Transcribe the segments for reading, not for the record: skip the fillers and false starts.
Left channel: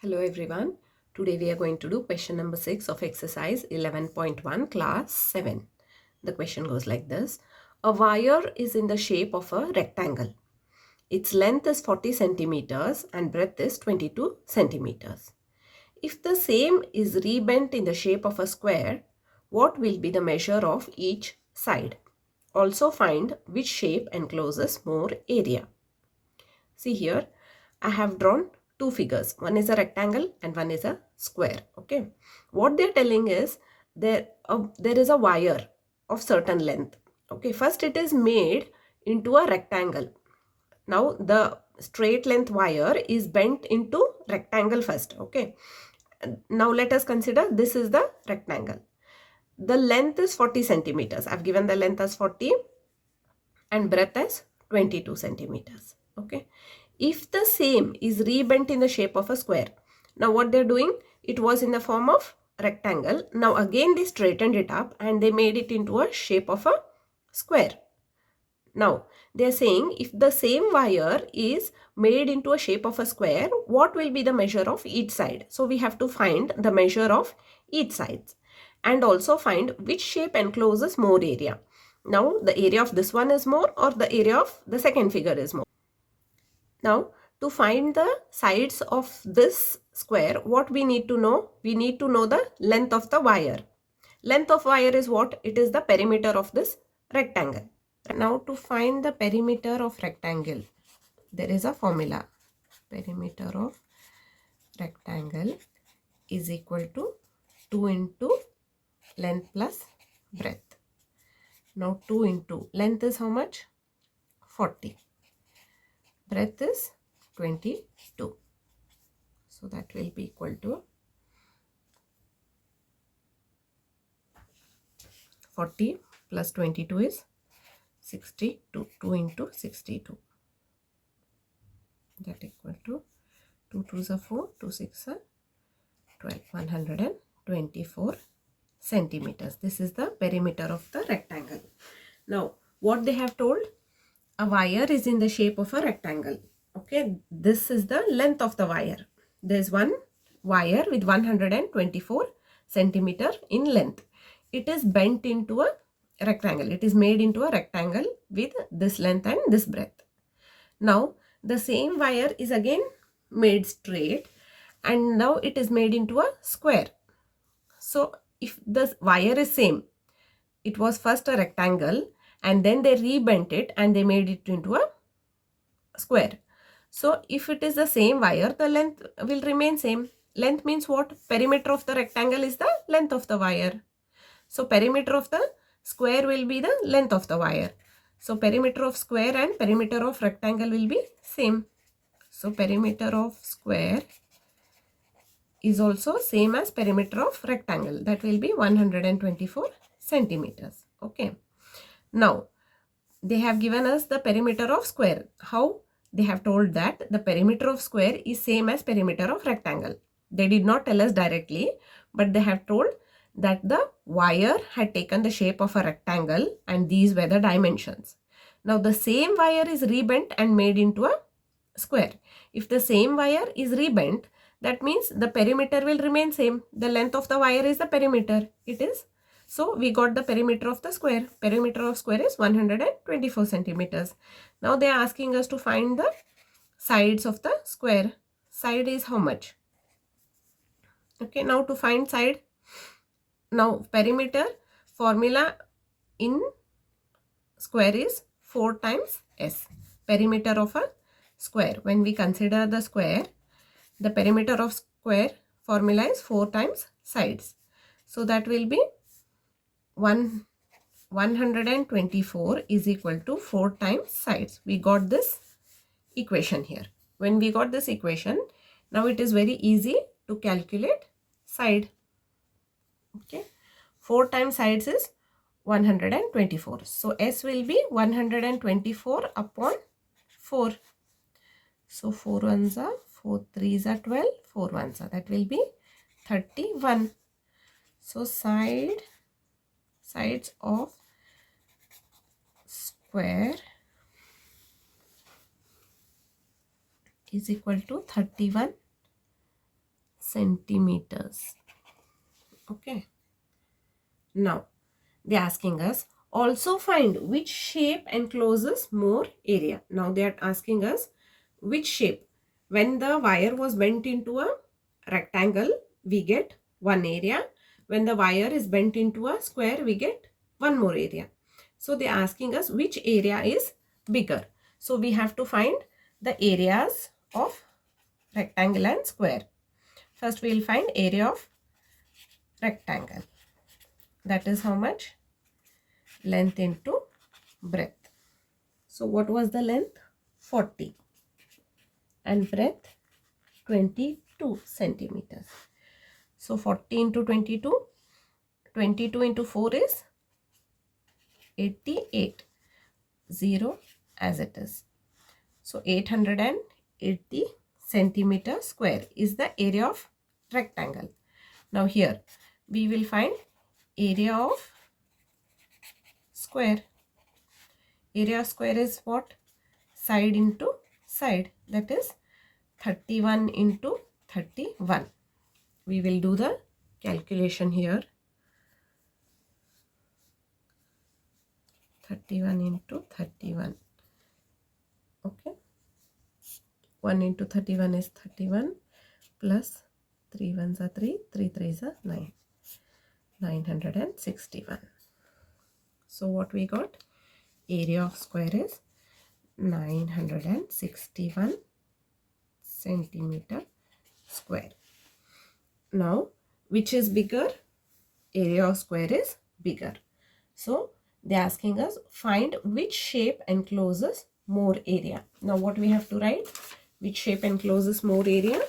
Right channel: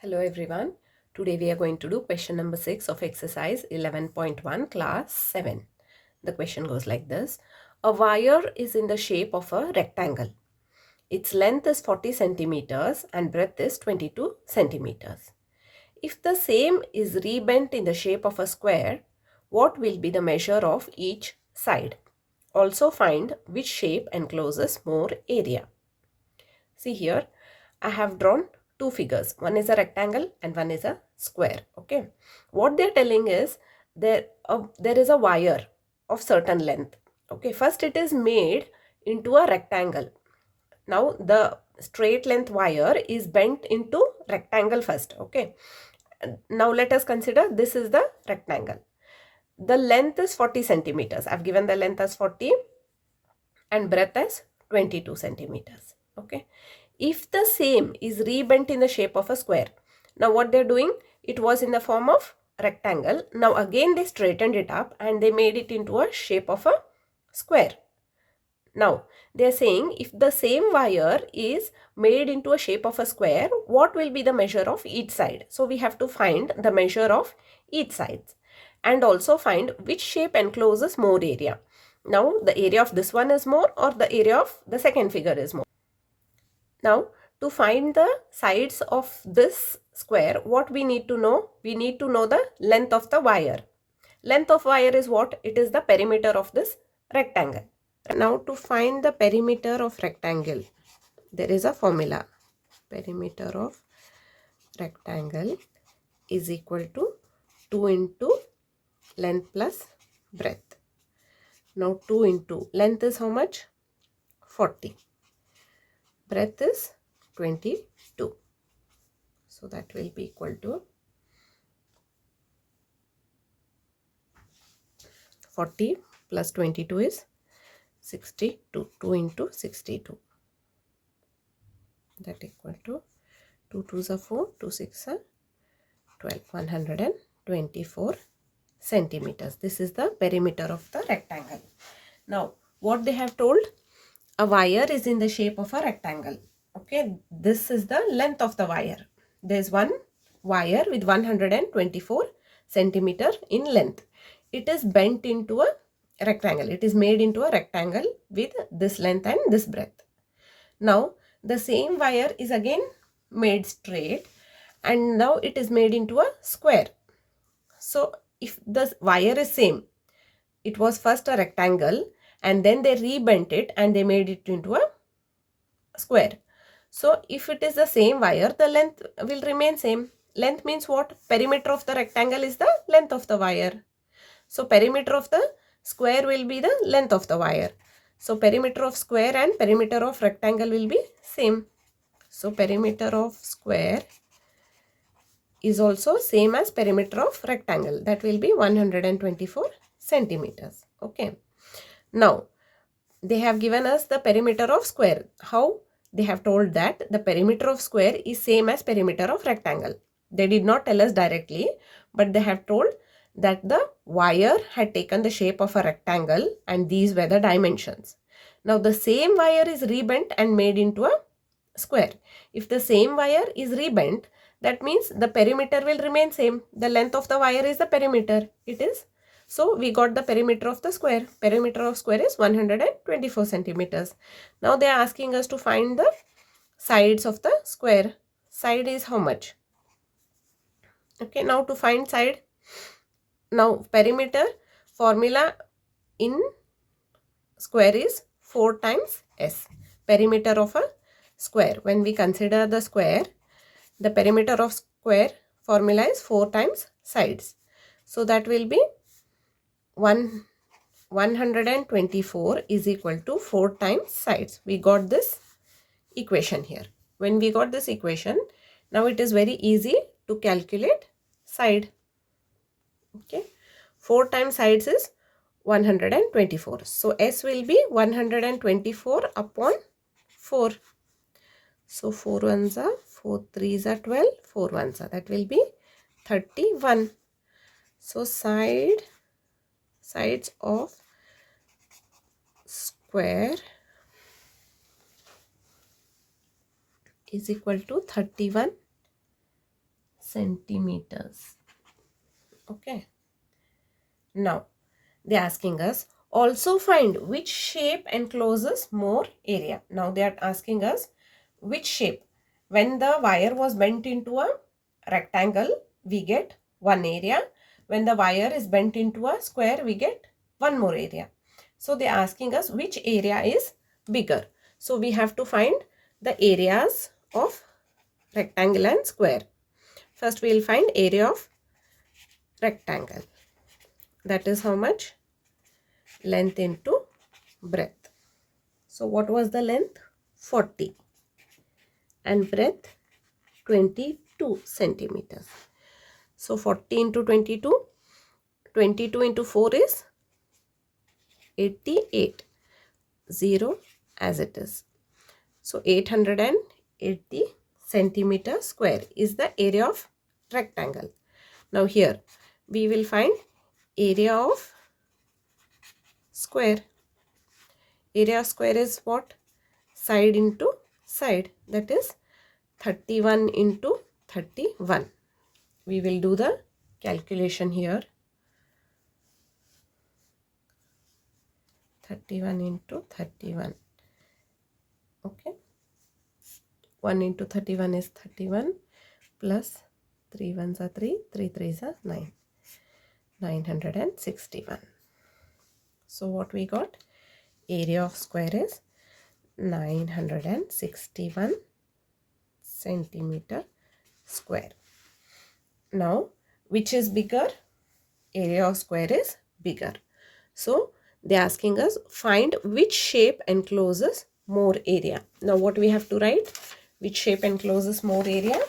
Hello everyone. Today we are going to do question number 6 of exercise 11.1 class 7. The question goes like this. A wire is in the shape of a rectangle. Its length is 40 centimeters and breadth is 22 centimeters. If the same is rebent in the shape of a square, what will be the measure of each side? Also find which shape encloses more area. See here, I have drawn two figures. One is a rectangle and one is a square. Okay. What they're telling is there is a wire of certain length. Okay. First it is made into a rectangle. Now the straight length wire is bent into rectangle first. Okay. Now let us consider this is the rectangle. The length is 40 centimeters. I've given the length as 40 and breadth as 22 centimeters. Okay. If the same is rebent in the shape of a square, now what they're doing, it was in the form of rectangle. Now again they straightened it up and they made it into a shape of a square. Now they're saying if the same wire is made into a shape of a square, what will be the measure of each side? So we have to find the measure of each side and also find which shape encloses more area. Now the area of this one is more or the area of the second figure is more. Now to find the sides of this square, what we need to know? We need to know the length of the wire. Length of wire is what? It is the perimeter of this rectangle. Now to find the perimeter of rectangle, there is a formula. Perimeter of rectangle is equal to 2 into length plus breadth. Now 2 into length is how much? 40. Breadth is 22. So that will be equal to 40 plus 22 is 62. 2 into 62. That equal to 2 2s are 4, 2 6 are 12, 124 centimeters. This is the perimeter of the rectangle. Now, what they have told? A wire is in the shape of a rectangle. Okay, this is the length of the wire. There is one wire with 124 centimeter in length. It is bent into a rectangle. It is made into a rectangle with this length and this breadth. Now, the same wire is again made straight and now it is made into a square. So, if the wire is same, it was first a rectangle and then they rebent it and they made it into a square. So, if it is the same wire, the length will remain same. Length means what? Perimeter of the rectangle is the length of the wire. So, perimeter of the square will be the length of the wire. So, perimeter of square and perimeter of rectangle will be same. So, perimeter of square is also same as perimeter of rectangle. That will be 124 centimeters. Okay. Now, they have given us the perimeter of square. How? They have told that the perimeter of square is same as perimeter of rectangle. They did not tell us directly, but they have told that the wire had taken the shape of a rectangle and these were the dimensions. Now, the same wire is rebent and made into a square. If the same wire is rebent, that means the perimeter will remain same. The length of the wire is the perimeter. It is. So, we got the perimeter of the square. Perimeter of square is 124 centimeters. Now, they are asking us to find the sides of the square. Side is how much? Okay, now to find side. Now, perimeter formula in square is 4 times S. Perimeter of a square. When we consider the square, the perimeter of square formula is 4 times sides. So, that will be 124 is equal to 4 times sides. We got this equation here. When we got this equation, now it is very easy to calculate side. Okay, 4 times sides is 124. So, S will be 124 upon 4. So, 4 ones are 4 3s are 12, 4 ones are, that will be 31. So, sides of square is equal to 31 centimeters. Okay. Now, they're asking us also find which shape encloses more area. Now, they are asking us which shape. When the wire was bent into a rectangle, we get one area. When the wire is bent into a square, we get one more area. So, they're asking us which area is bigger. So, we have to find the areas of rectangle and square. First, we will find area of rectangle. That is how much? Length into breadth. So what was the length? 40 and breadth 22 centimeters. So 40 into 22, 22 into 4 is 88, 0 as it is. So 880 centimeter square is the area of rectangle. Now here we will find area of square. Area of square is what? Side into side, that is 31 into 31. We will do the calculation here. 31 into 31. Okay. 1 into 31 is 31 plus 3 ones are 3, 3 threes are 9. 961. So what we got? Area of square is 961 centimeter square. Now, which is bigger? Area of square is bigger. So, they're asking us find which shape encloses more area. Now, what we have to write? Which shape encloses more area?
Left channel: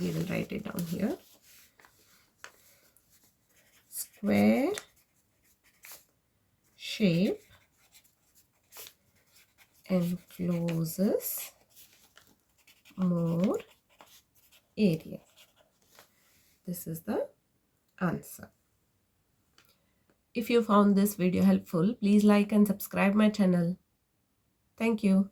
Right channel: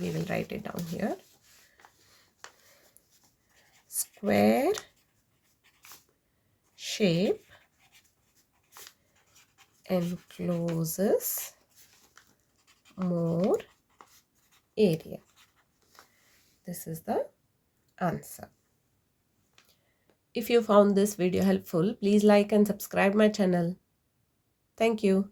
We will write it down here. Square shape encloses more area. This is the answer. If you found this video helpful, please like and subscribe my channel. Thank you.